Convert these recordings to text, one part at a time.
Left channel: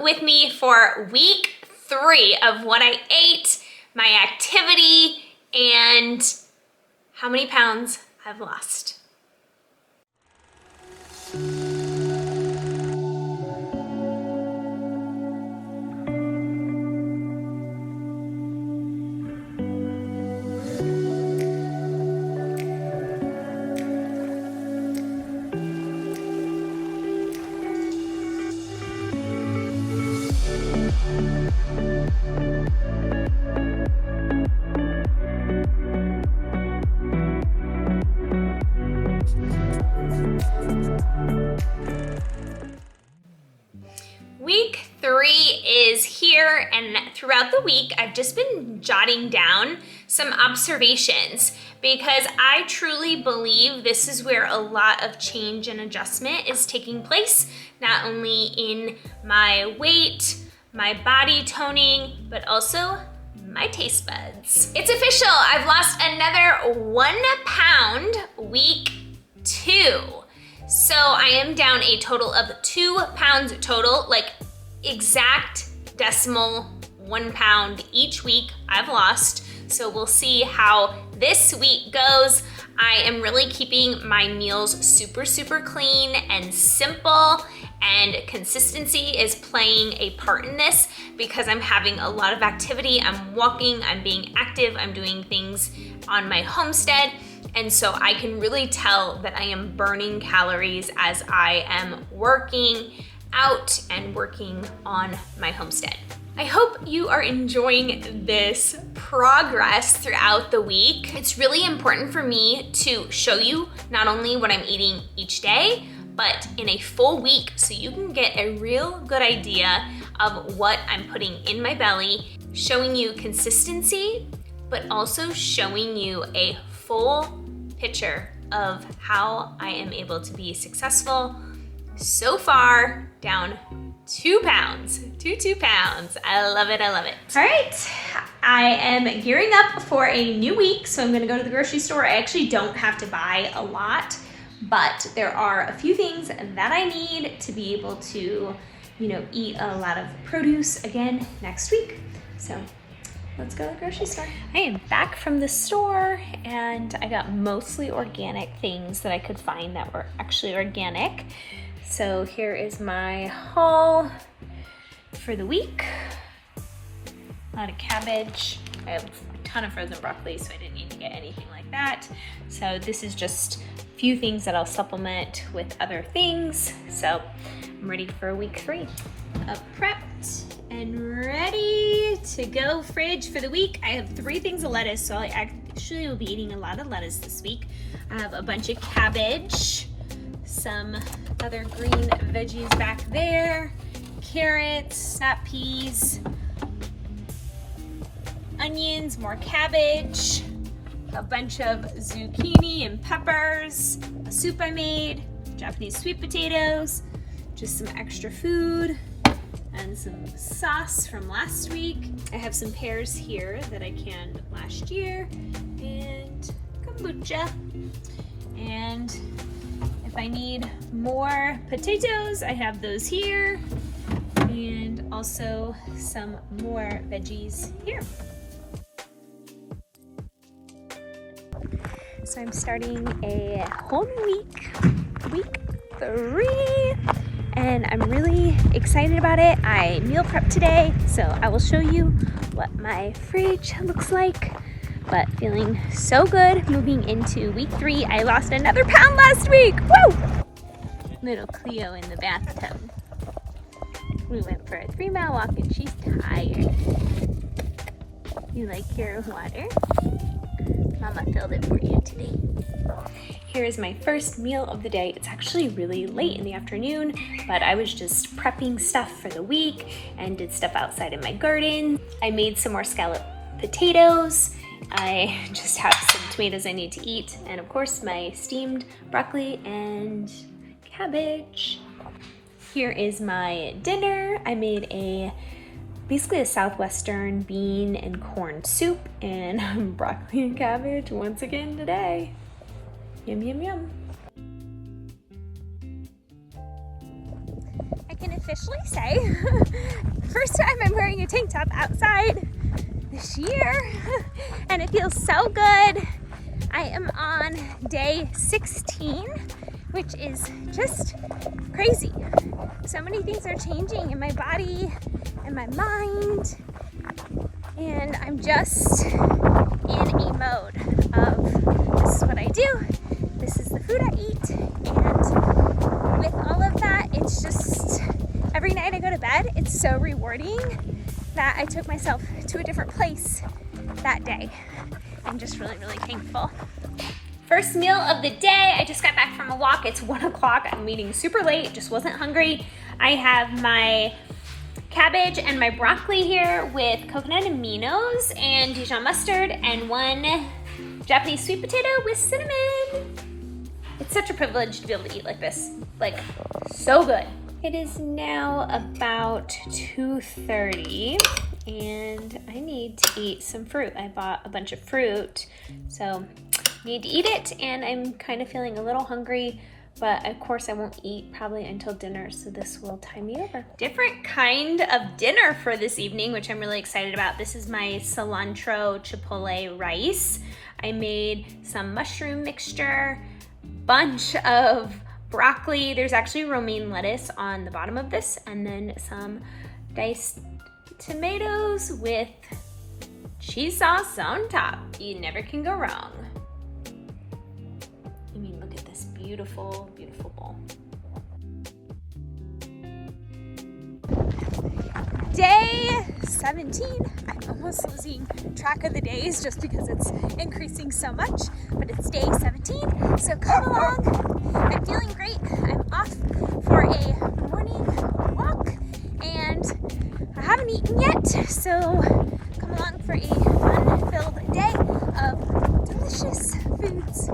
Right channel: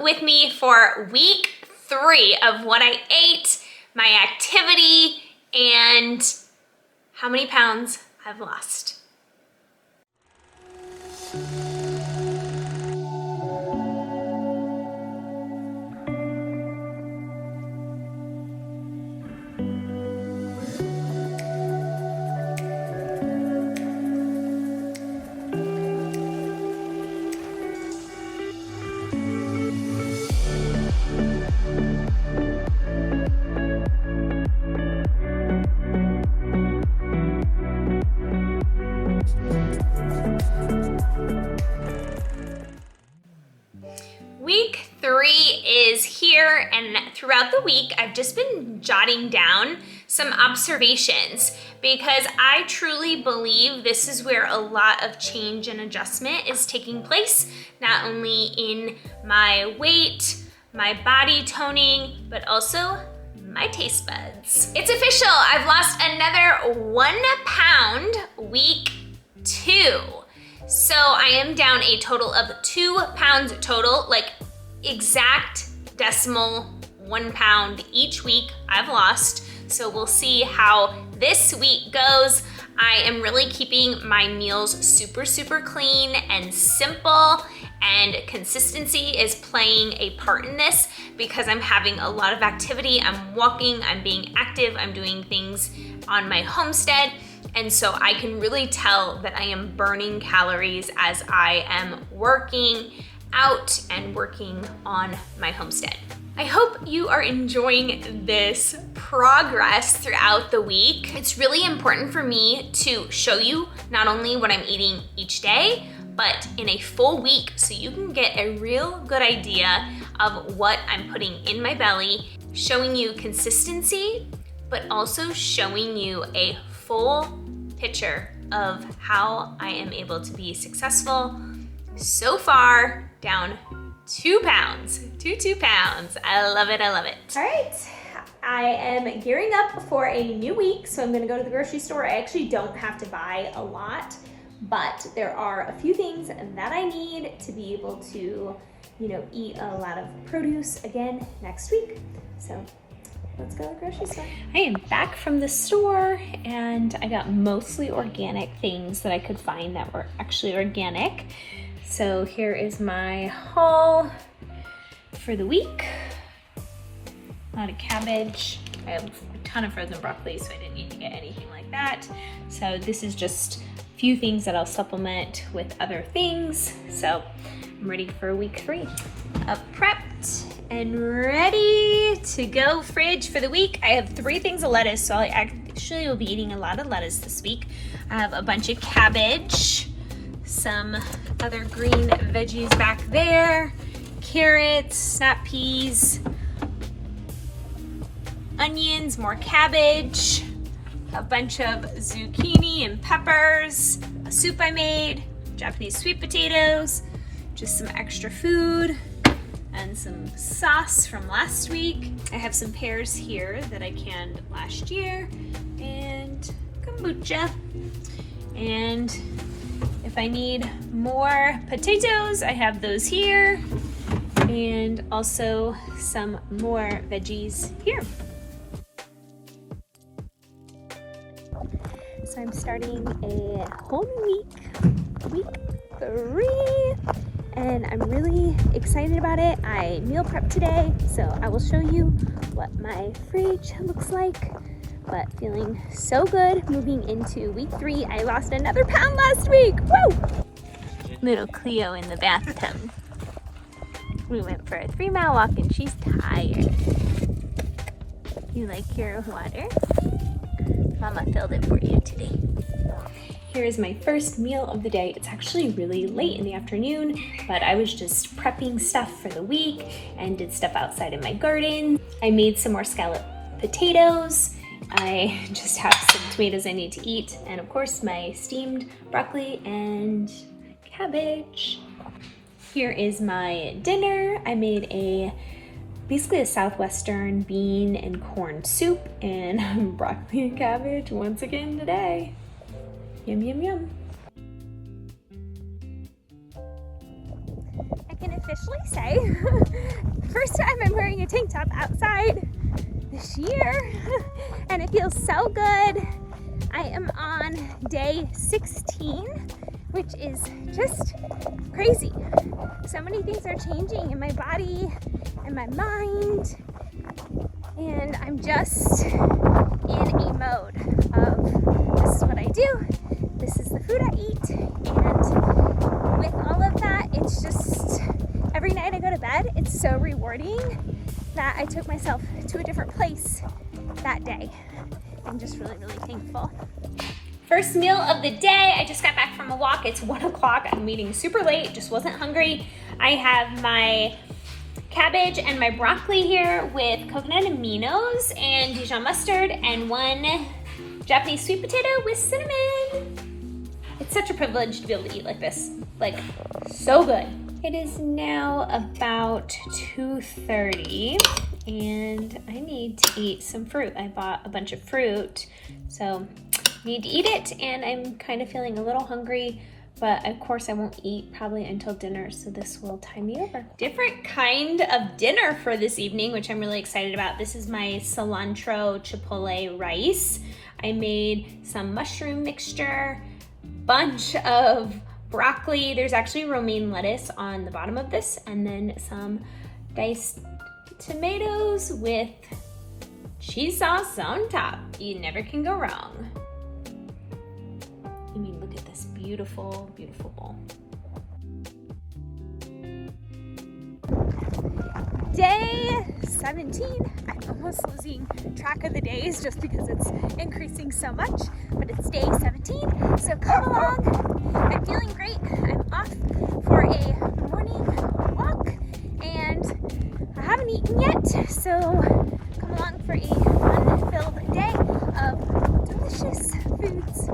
with me for week 3 of what I ate, my activity, and how many pounds I've lost. Week 3 is here, and throughout the week I've just been jotting down some observations because I truly believe this is where a lot of change and adjustment is taking place, not only in my weight, my body toning, but also my taste buds. It's official, I've lost another 1 pound week 2. So I am down a total of 2 pounds total, like exact decimal 1 pound each week I've lost. So we'll see how this week goes. I am really keeping my meals super clean and simple, and consistency is playing a part in this because I'm having a lot of activity. I'm walking, I'm being active, I'm doing things on my homestead. And so I can really tell that I am burning calories as I am working out and working on my homestead. I hope you are enjoying this progress throughout the week. It's really important for me to show you not only what I'm eating each day, but in a full week so you can get a real good idea of what I'm putting in my belly, showing you consistency, but also showing you a full picture of how I am able to be successful so far, down 2 pounds, 2 pounds. I love it, I love it. All right, I am gearing up for a new week, so I'm gonna go to the grocery store. I actually don't have to buy a lot, but there are a few things that I need to be able to, eat a lot of produce again next week. So let's go to the grocery store. I am back from the store, and I got mostly organic things that I could find that were actually organic. So here is my haul for the week. A lot of cabbage. I have a ton of frozen broccoli, so I didn't need to get anything like that. So this is just a few things that I'll supplement with other things. So I'm ready for week 3. Prepped and ready to go. Fridge for the week. I have 3 things of lettuce, so I actually will be eating a lot of lettuce this week. I have a bunch of cabbage, some other green veggies back there, carrots, snap peas, onions, more cabbage, a bunch of zucchini and peppers, a soup I made, Japanese sweet potatoes, just some extra food, and some sauce from last week. I have some pears here that I canned last year, and kombucha. And if I need more potatoes, I have those here, and also some more veggies here. So I'm starting a whole new week 3. And I'm really excited about it. I meal prepped today, so I will show you what my fridge looks like. But feeling so good moving into week 3. I lost another pound last week. Woo! Little Cleo in the bathtub. We went for a 3-mile walk and she's tired. You like your water? Mama filled it for you today. Here is my first meal of the day. It's actually really late in the afternoon, but I was just prepping stuff for the week and did stuff outside in my garden. I made some more scalloped potatoes. I just have some tomatoes I need to eat, and of course my steamed broccoli and cabbage. Here is my dinner. I made basically a southwestern bean and corn soup and broccoli and cabbage once again today. Yum, yum, yum. I can officially say, first time I'm wearing a tank top outside this year, and it feels so good. I am on day 16, which is just crazy. So many things are changing in my body and my mind, and I'm just in a mode of this is what I do, this is the food I eat, and with all of that, it's just every night I go to bed, it's so rewarding that I took myself to a different place that day. I'm just really, really thankful. First meal of the day, I just got back from a walk. It's 1 o'clock. I'm eating super late, just wasn't hungry. I have my cabbage and my broccoli here with coconut aminos and Dijon mustard and 1 Japanese sweet potato with cinnamon. It's such a privilege to be able to eat like this. Like, so good. It is now about 2:30 and I need to eat some fruit. I bought a bunch of fruit, so I need to eat it, and I'm kind of feeling a little hungry, but of course I won't eat probably until dinner, so this will time me over. Different kind of dinner for this evening, which I'm really excited about. This is my cilantro chipotle rice. I made some mushroom mixture, bunch of broccoli. There's actually romaine lettuce on the bottom of this, and then some diced tomatoes with cheese sauce on top. You never can go wrong. I mean, look at this beautiful, beautiful bowl. Day 17. I'm almost losing track of the days just because it's increasing so much, but it's day 17, so come along. I'm feeling great. I'm off for a morning walk, and I haven't eaten yet, so come along for a fun-filled day of delicious foods.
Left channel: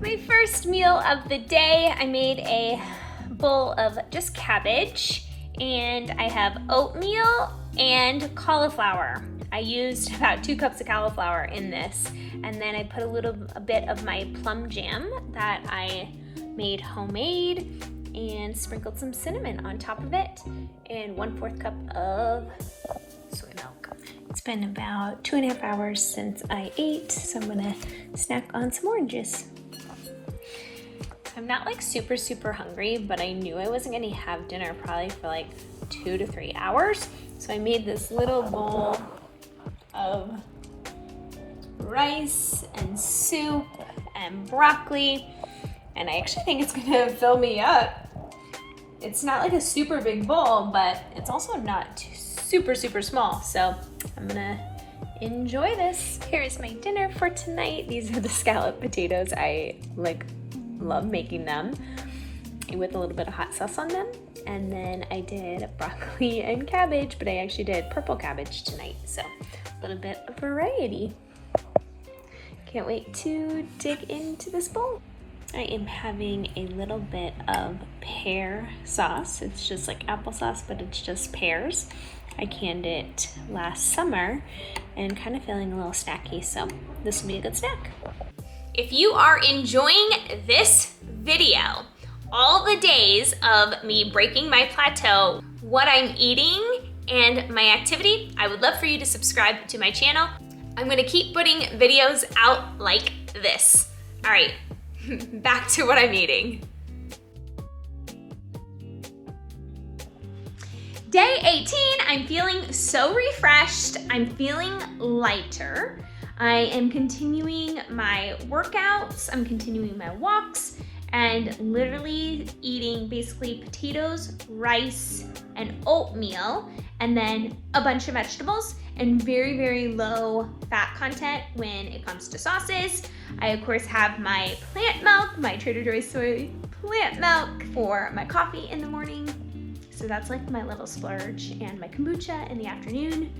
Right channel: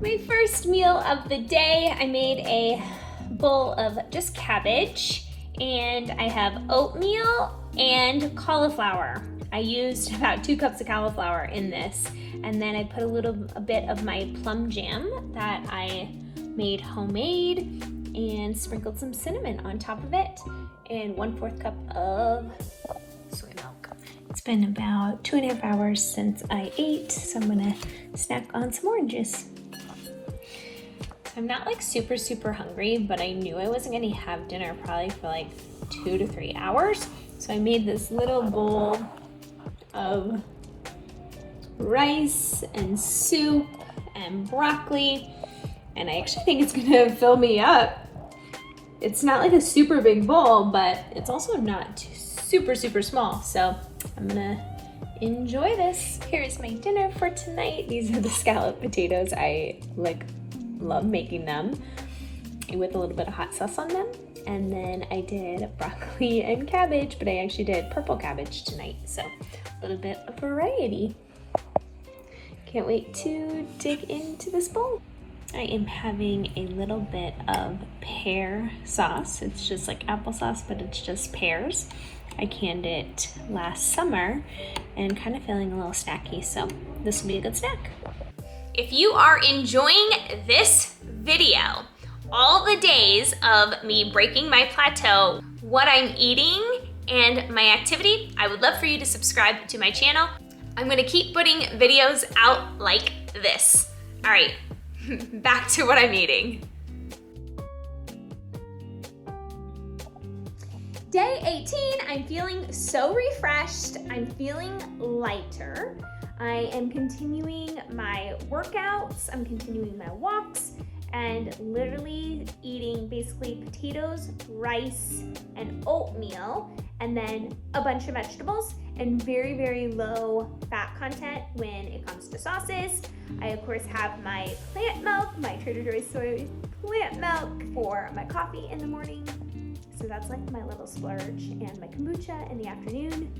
My first meal of the day, I made a bowl of just cabbage, and I have oatmeal and cauliflower. I used about 2 cups of cauliflower in this, and then I put a bit of my plum jam that I made homemade and sprinkled some cinnamon on top of it, and 1/4 cup of soy milk. It's been about 2.5 hours since I ate, so I'm gonna snack on some orange juice. I'm not like super hungry, but I knew I wasn't gonna have dinner probably for like 2 to 3 hours. So I made this little bowl of rice and soup and broccoli, and I actually think it's gonna fill me up. It's not like a super big bowl, but it's also not super small. So I'm gonna enjoy this. Here's my dinner for tonight. These are the scalloped potatoes. I love making them with a little bit of hot sauce on them. And then I did broccoli and cabbage, but I actually did purple cabbage tonight, so a little bit of variety. Can't wait to dig into this bowl. I am having a little bit of pear sauce. It's just like applesauce, but it's just pears. I canned it last summer and kind of feeling a little snacky, so this will be a good snack. If you are enjoying this video, all the days of me breaking my plateau, what I'm eating, and my activity, I would love for you to subscribe to my channel. I'm gonna keep putting videos out like this. All right, back to what I'm eating. Day 18, I'm feeling so refreshed. I'm feeling lighter. I am continuing my workouts, I'm continuing my walks, and literally eating basically potatoes, rice, and oatmeal, and then a bunch of vegetables, and very low fat content when it comes to sauces. I of course have my plant milk, my Trader Joe's soy plant milk for my coffee in the morning. So that's like my little splurge, and my kombucha in the afternoon.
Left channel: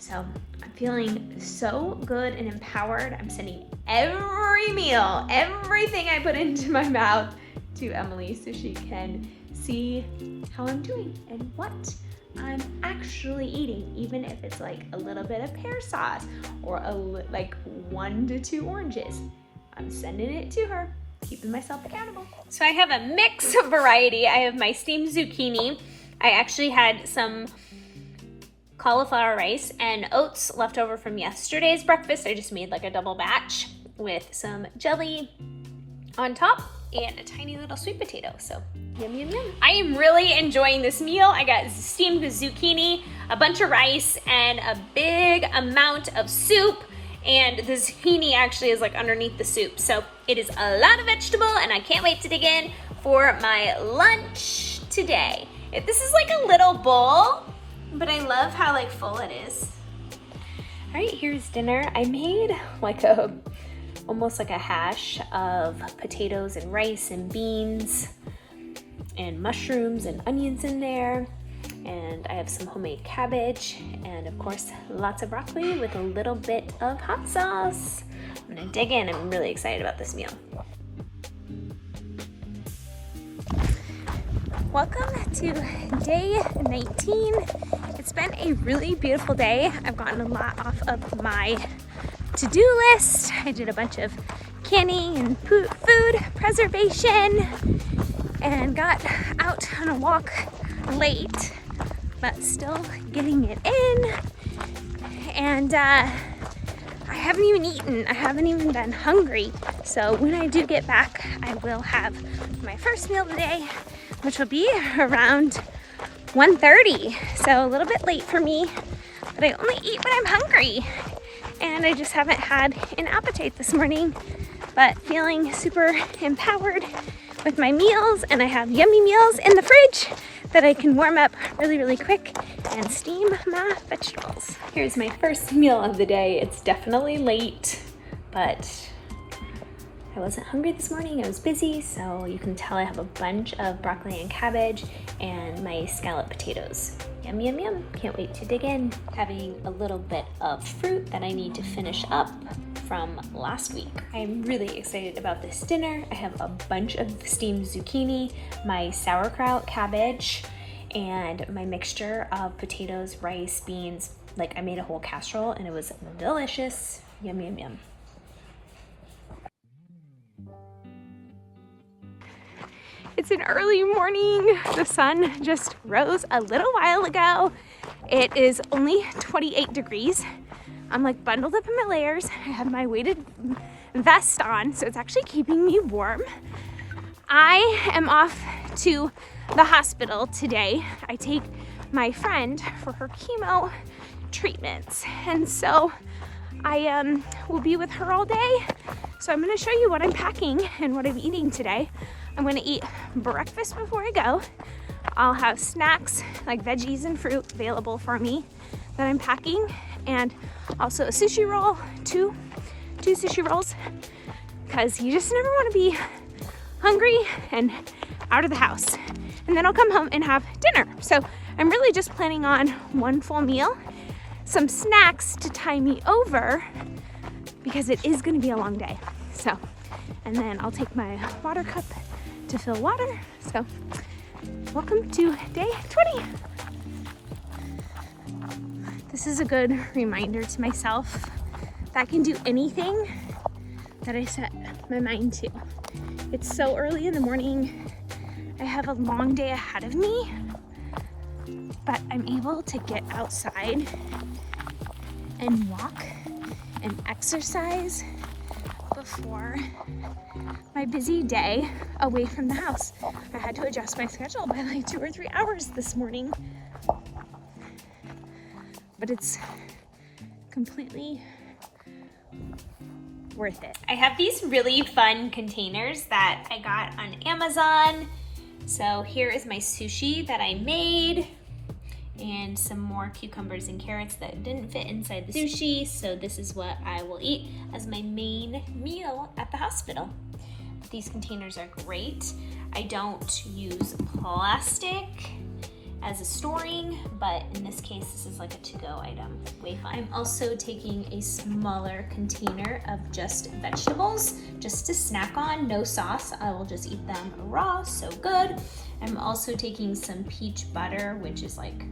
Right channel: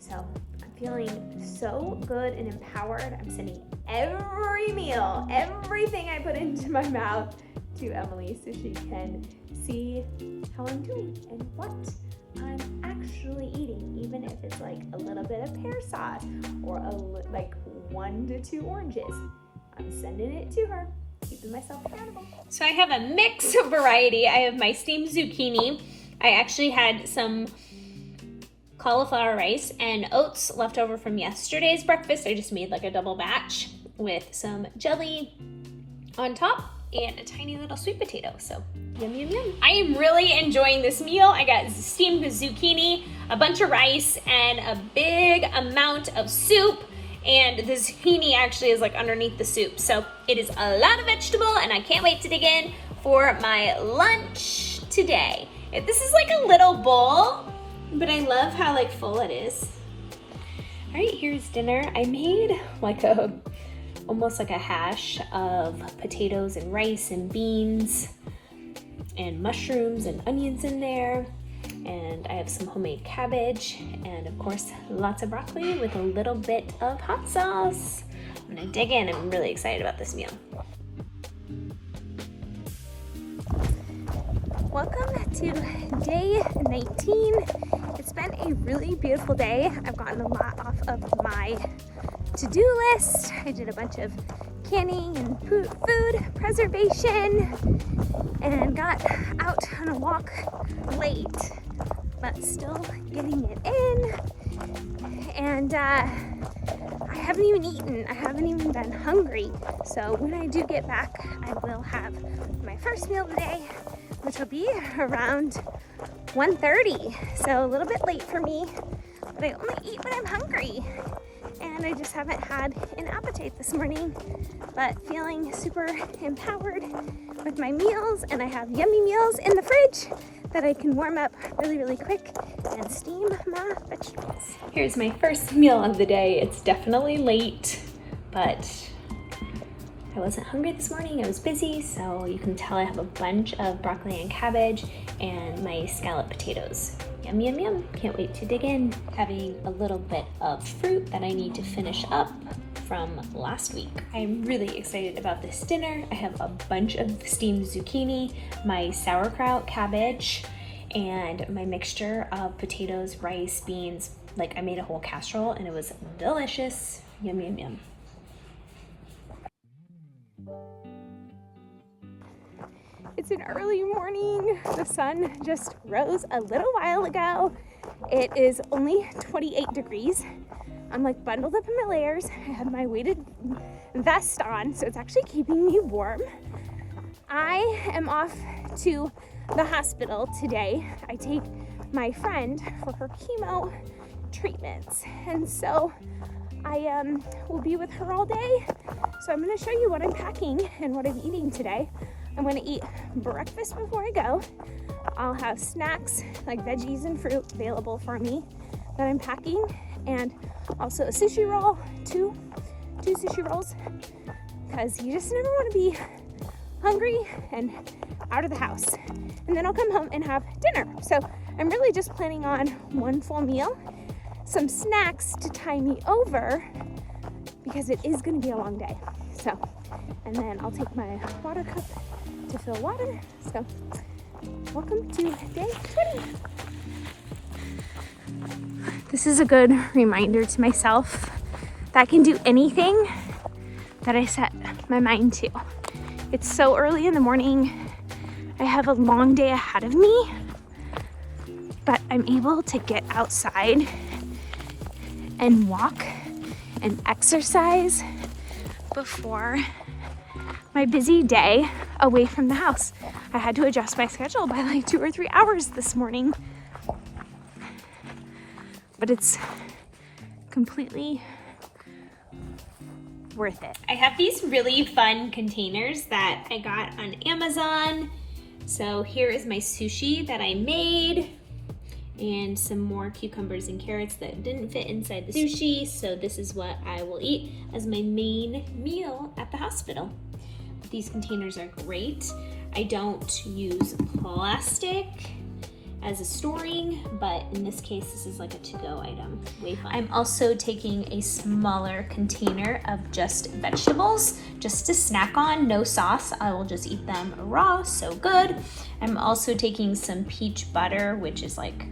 So I'm feeling so good and empowered. I'm sending every meal, everything I put into my mouth to Emily so she can see how I'm doing and what I'm actually eating, even if it's like a little bit of pear sauce or like 1 to 2 oranges. I'm sending it to her. Keep keeping myself accountable. So I have a mix of variety. I have my steamed zucchini. I actually had some cauliflower rice and oats left over from yesterday's breakfast. I just made like a double batch with some jelly on top and a tiny little sweet potato. So yum, yum, yum. I am really enjoying this meal. I got steamed zucchini, a bunch of rice, and a big amount of soup. And the zucchini actually is like underneath the soup. So it is a lot of vegetable, and I can't wait to dig in for my lunch today. This is like a little bowl, but I love how like full it is. Right, here's dinner. I made like almost like a hash of potatoes and rice and beans and mushrooms and onions in there. And I have some homemade cabbage and of course lots of broccoli with a little bit of hot sauce. I'm gonna dig in. I'm really excited about this meal. Welcome to day 19. It's been a really beautiful day. I've gotten a lot off of my to-do list. I did a bunch of canning and food preservation and got out on a walk late, but still getting it in. And I haven't even eaten. I haven't even been hungry. So when I do get back, I will have my first meal today, which will be around 1:30. So a little bit late for me, but I only eat when I'm hungry. And I just haven't had an appetite this morning, but feeling super empowered with my meals, and I have yummy meals in the fridge that I can warm up really, really quick and steam my vegetables. Here's my first meal of the day. It's definitely late, but I wasn't hungry this morning. I was busy, so you can tell I have a bunch of broccoli and cabbage and my scalloped potatoes. Yum, yum, yum. Can't wait to dig in. Having a little bit of fruit that I need to finish up from last week. I'm really excited about this dinner. I have a bunch of steamed zucchini, my sauerkraut cabbage, and my mixture of potatoes, rice, beans. Like, I made a whole casserole and it was delicious. Yum, yum, yum. It's an early morning. The sun just rose a little while ago. It is only 28 degrees. I'm like bundled up in my layers. I have my weighted vest on, so it's actually keeping me warm. I am off to the hospital today. I take my friend for her chemo treatments, and so I will be with her all day. So I'm gonna show you what I'm packing and what I'm eating today. I'm gonna eat breakfast before I go. I'll have snacks like veggies and fruit available for me that I'm packing, and also a sushi roll, two sushi rolls, because you just never want to be hungry and out of the house. And then I'll come home and have dinner. So I'm really just planning on one full meal, some snacks to tie me over, because it is going to be a long day. So, and then I'll take my water cup to fill water. So welcome to day 20. This is a good reminder to myself that I can do anything that I set my mind to. It's so early in the morning. I have a long day ahead of me, but I'm able to get outside and walk and exercise before my busy day away from the house. I had to adjust my schedule by like 2 or 3 hours this morning, but it's completely worth it. I have these really fun containers that I got on Amazon. So here is my sushi that I made, and some more cucumbers and carrots that didn't fit inside the sushi. So this is what I will eat as my main meal at the hospital. These containers are great. I don't use plastic as a storing, but in this case, this is like a to-go item. Way fun. I'm also taking a smaller container of just vegetables, just to snack on, no sauce. I will just eat them raw, so good. I'm also taking some peach butter, which is like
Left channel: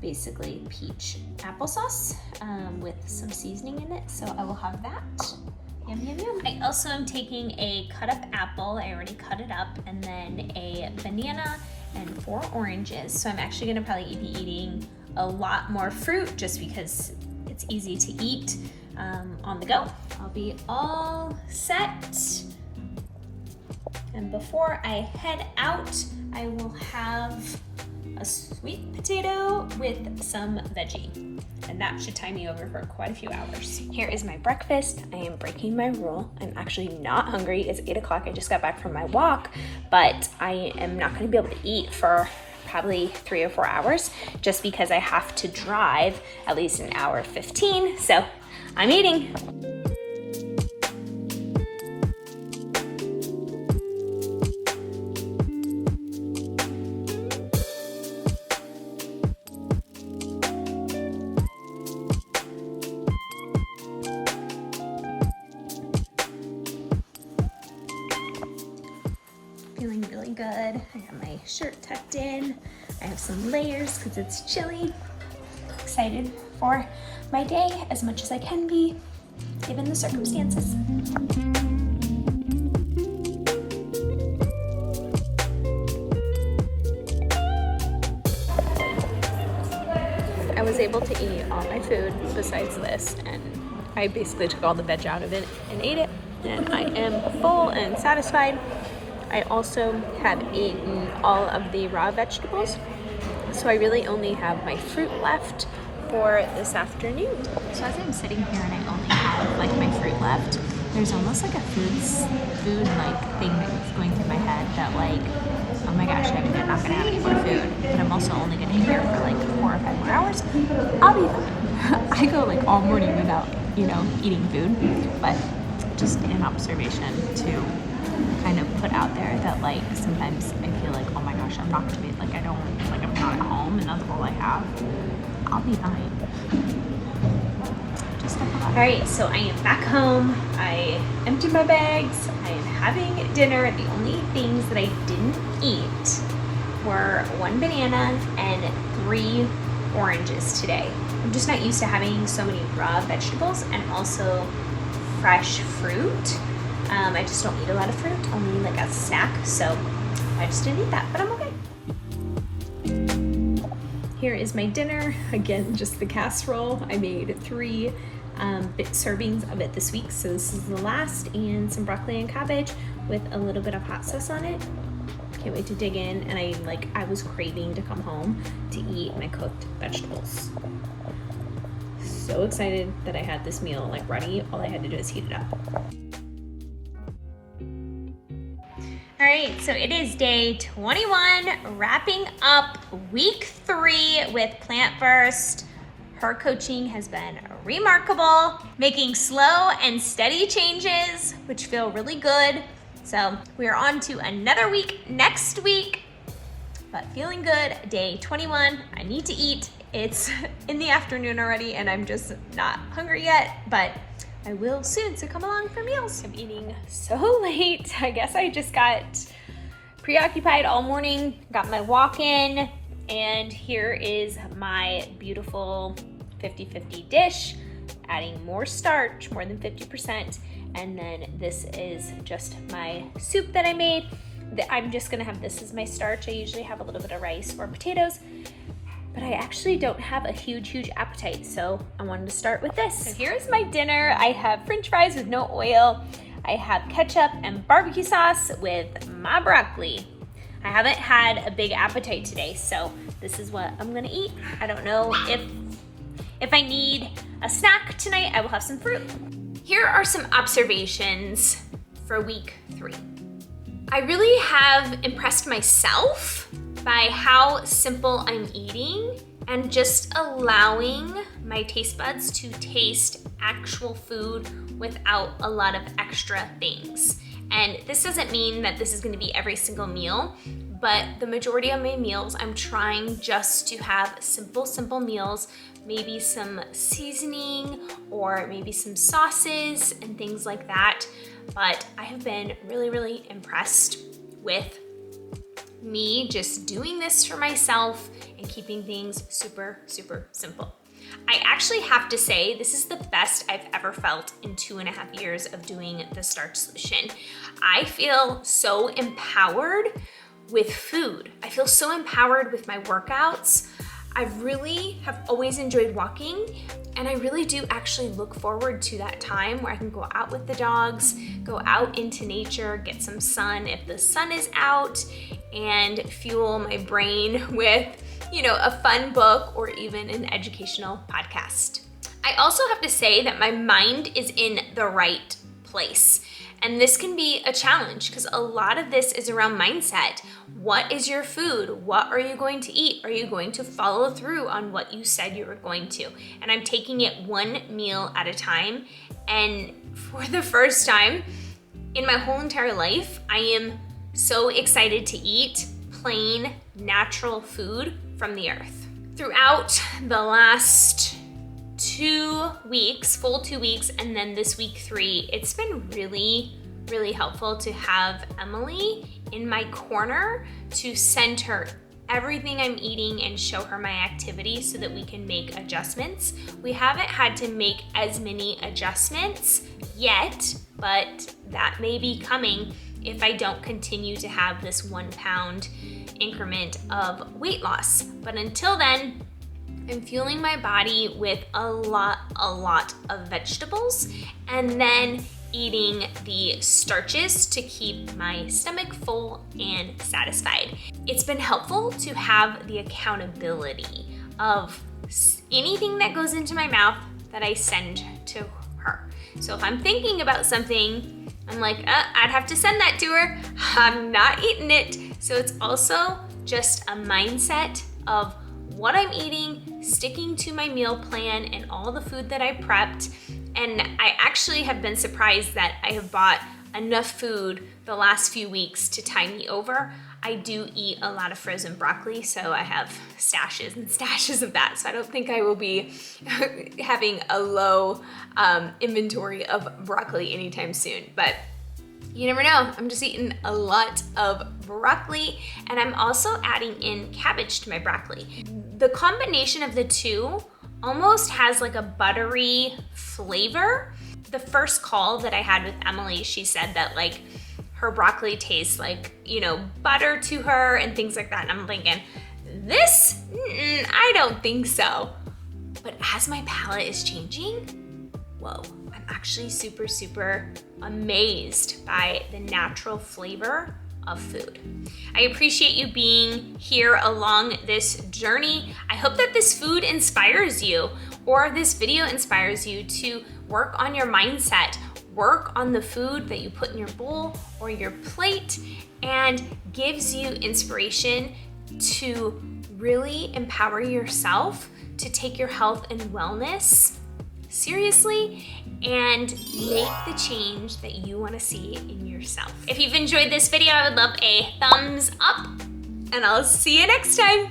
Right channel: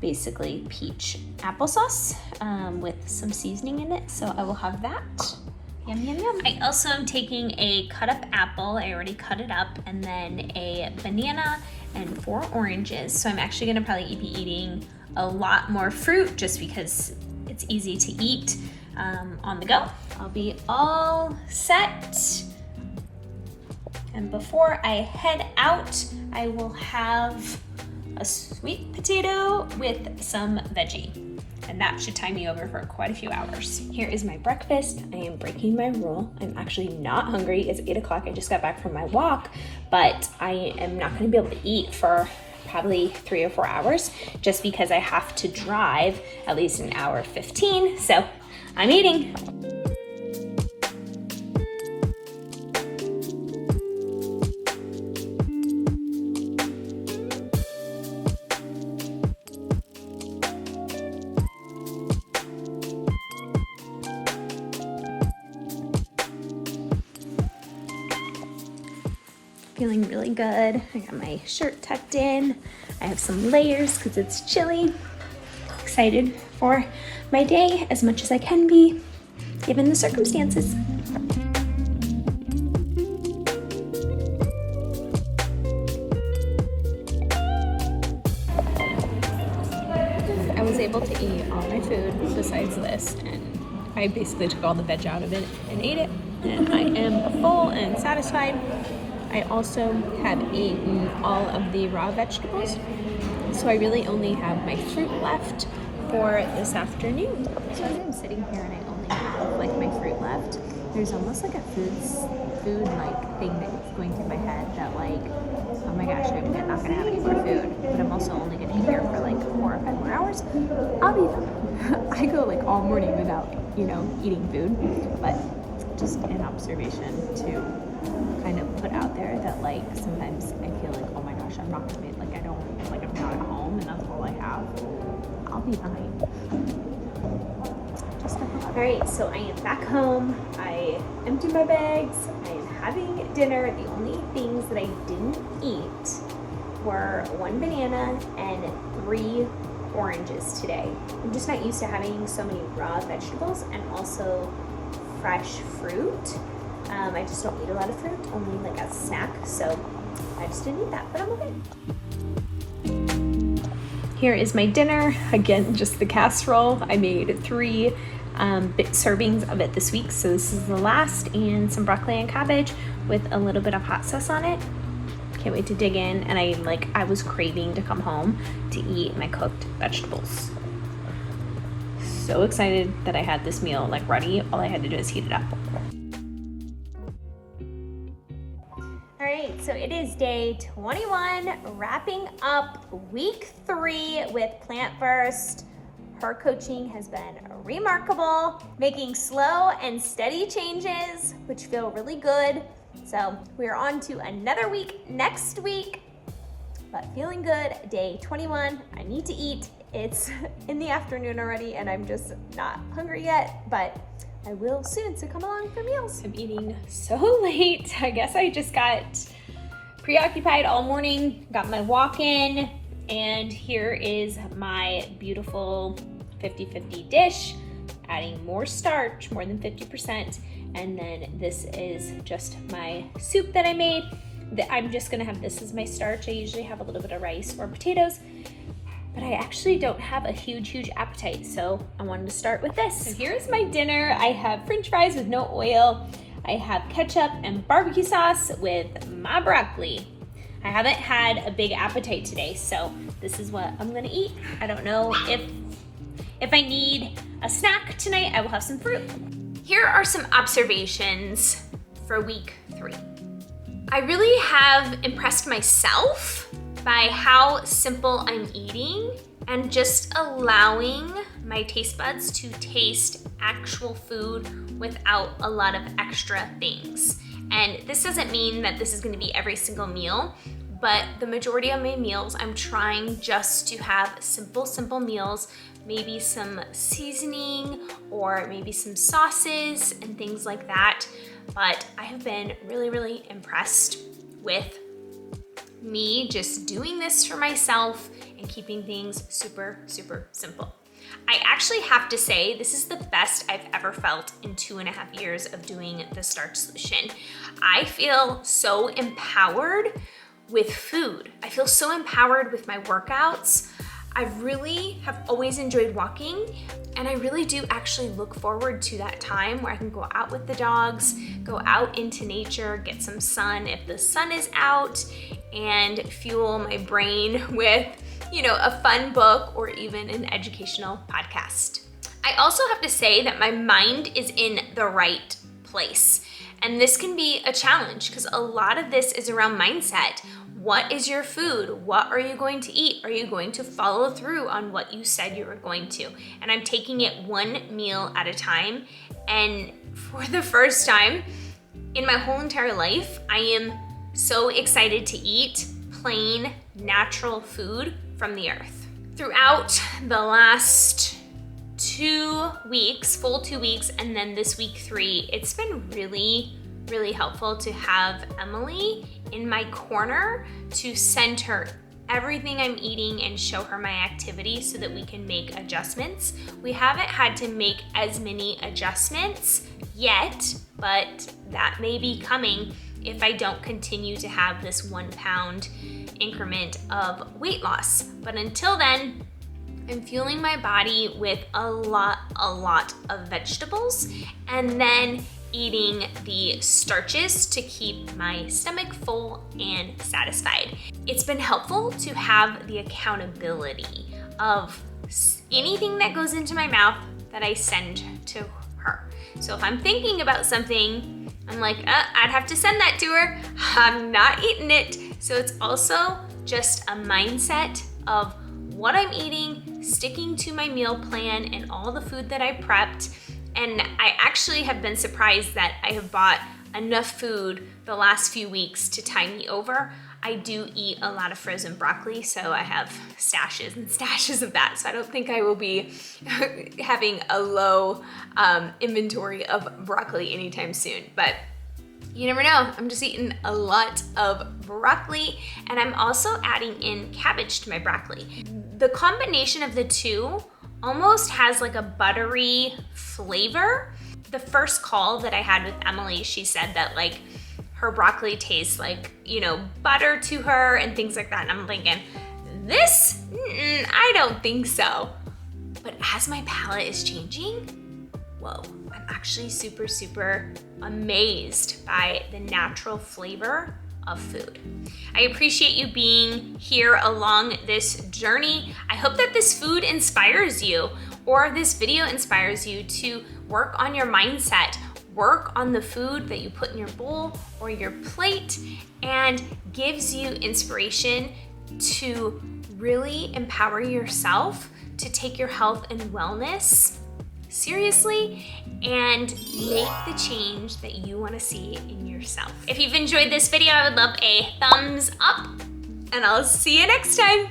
basically peach applesauce with some seasoning in it. So I will have that Yum, yum, yum. I also am taking a cut up apple, I already cut it up, and then a banana and 4 oranges. So I'm actually gonna probably be eating a lot more fruit just because it's easy to eat on the go. I'll be all set. And before I head out, I will have a sweet potato with some veggie. And that should tie me over for quite a few hours. Here is my breakfast. I am breaking my rule. I'm actually not hungry. It's 8 o'clock. I just got back from my walk, but I am not gonna be able to eat for probably 3 or 4 hours just because I have to drive at least an hour 15. So I'm eating. Feeling really good. I got my shirt tucked in. I have some layers because it's chilly. Excited for my day as much as I can be, given the circumstances. I was able to eat all my food besides this, and I basically took all the veg out of it and ate it, and I am full and satisfied. I also have eaten all of the raw vegetables, so I really only have my fruit left for this afternoon. So as I'm sitting here and I only have like my fruit left, there's almost like a food like thing that's going through my head that like, oh my gosh, I'm not gonna have any more food, but I'm also only gonna eat here for like 4 or 5 more hours. I'll be fine. I go like all morning without, eating food, but just an observation to kind of put out there that like sometimes I feel like, oh my gosh, I'm not gonna be like I'm not at home and that's all I have. I'll be fine. All right, so I am back home. I emptied my bags. I am having dinner. The only things that I didn't eat were 1 banana and 3 oranges today. I'm just not used to having so many raw vegetables and also fresh fruit. I just don't eat a lot of fruit, only like a snack, so I just didn't eat that, but I'm okay. Here is my dinner. Again, just the casserole. I made 3 servings of it this week, so this is the last, and some broccoli and cabbage with a little bit of hot sauce on it. Can't wait to dig in, and I was craving to come home to eat my cooked vegetables. So excited that I had this meal like ready. All I had to do is heat it up. All right, so it is day 21, wrapping up week 3 with Plant First. Her coaching has been remarkable, making slow and steady changes, which feel really good. So we're on to another week next week, but feeling good. Day 21, I need to eat. It's in the afternoon already and I'm just not hungry yet, but I will soon, so come along for meals. I'm eating so late. I guess I just got preoccupied all morning, got my walk in, and here is my beautiful 50-50 dish, adding more starch, more than 50%, and then this is just my soup that I made. I'm just gonna have this as my starch. I usually have a little bit of rice or potatoes, but I actually don't have a huge appetite, so I wanted to start with this. So here's my dinner. I have french fries with no oil. I have ketchup and barbecue sauce with my broccoli. I haven't had a big appetite today, so this is what I'm gonna eat. I don't know if I need a snack tonight, I will have some fruit. Here are some observations for week 3. I really have impressed myself by how simple I'm eating and just allowing my taste buds to taste actual food without a lot of extra things. And this doesn't mean that this is gonna be every single meal, but the majority of my meals, I'm trying just to have simple meals, maybe some seasoning or maybe some sauces and things like that. But I have been really impressed with me just doing this for myself and keeping things super simple. I actually have to say, this is the best I've ever felt in 2.5 years of doing the Starch Solution. I feel so empowered with food. I feel so empowered with my workouts. I really have always enjoyed walking, and I really do actually look forward to that time where I can go out with the dogs, go out into nature, get some sun if the sun is out, and fuel my brain with, you know, a fun book or even an educational podcast. I also have to say that my mind is in the right place. And this can be a challenge because a lot of this is around mindset. What is your food? What are you going to eat? Are you going to follow through on what you said you were going to? And I'm taking it one meal at a time. And for the first time in my whole entire life, I am so excited to eat plain, natural food from the earth. Throughout the last 2 weeks, full 2 weeks, and then this week 3, it's been really helpful to have Emily in my corner to send her everything I'm eating and show her my activity so that we can make adjustments. We haven't had to make as many adjustments yet, but that may be coming if I don't continue to have this 1 pound increment of weight loss. But until then, I'm fueling my body with a lot of vegetables and then eating the starches to keep my stomach full and satisfied. It's been helpful to have the accountability of anything that goes into my mouth that I send to her. So if I'm thinking about something, I'm like, I'd have to send that to her. I'm not eating it. So it's also just a mindset of what I'm eating, sticking to my meal plan and all the food that I prepped. And I actually have been surprised that I have bought enough food the last few weeks to tide me over. I do eat a lot of frozen broccoli, so I have stashes and stashes of that. So I don't think I will be having a low inventory of broccoli anytime soon. But you never know, I'm just eating a lot of broccoli, and I'm also adding in cabbage to my broccoli. The combination of the two almost has like a buttery flavor. The first call that I had with Emily, she said that like her broccoli tastes like, you know, butter to her and things like that. And I'm thinking, this, I don't think so. But as my palate is changing, whoa, I'm actually super amazed by the natural flavor of food. I appreciate you being here along this journey. I hope that this food inspires you, or this video inspires you to work on your mindset, work on the food that you put in your bowl or your plate, and gives you inspiration to really empower yourself to take your health and wellness seriously and make the change that you want to see in yourself. If you've enjoyed this video, I would love a thumbs up, and I'll see you next time.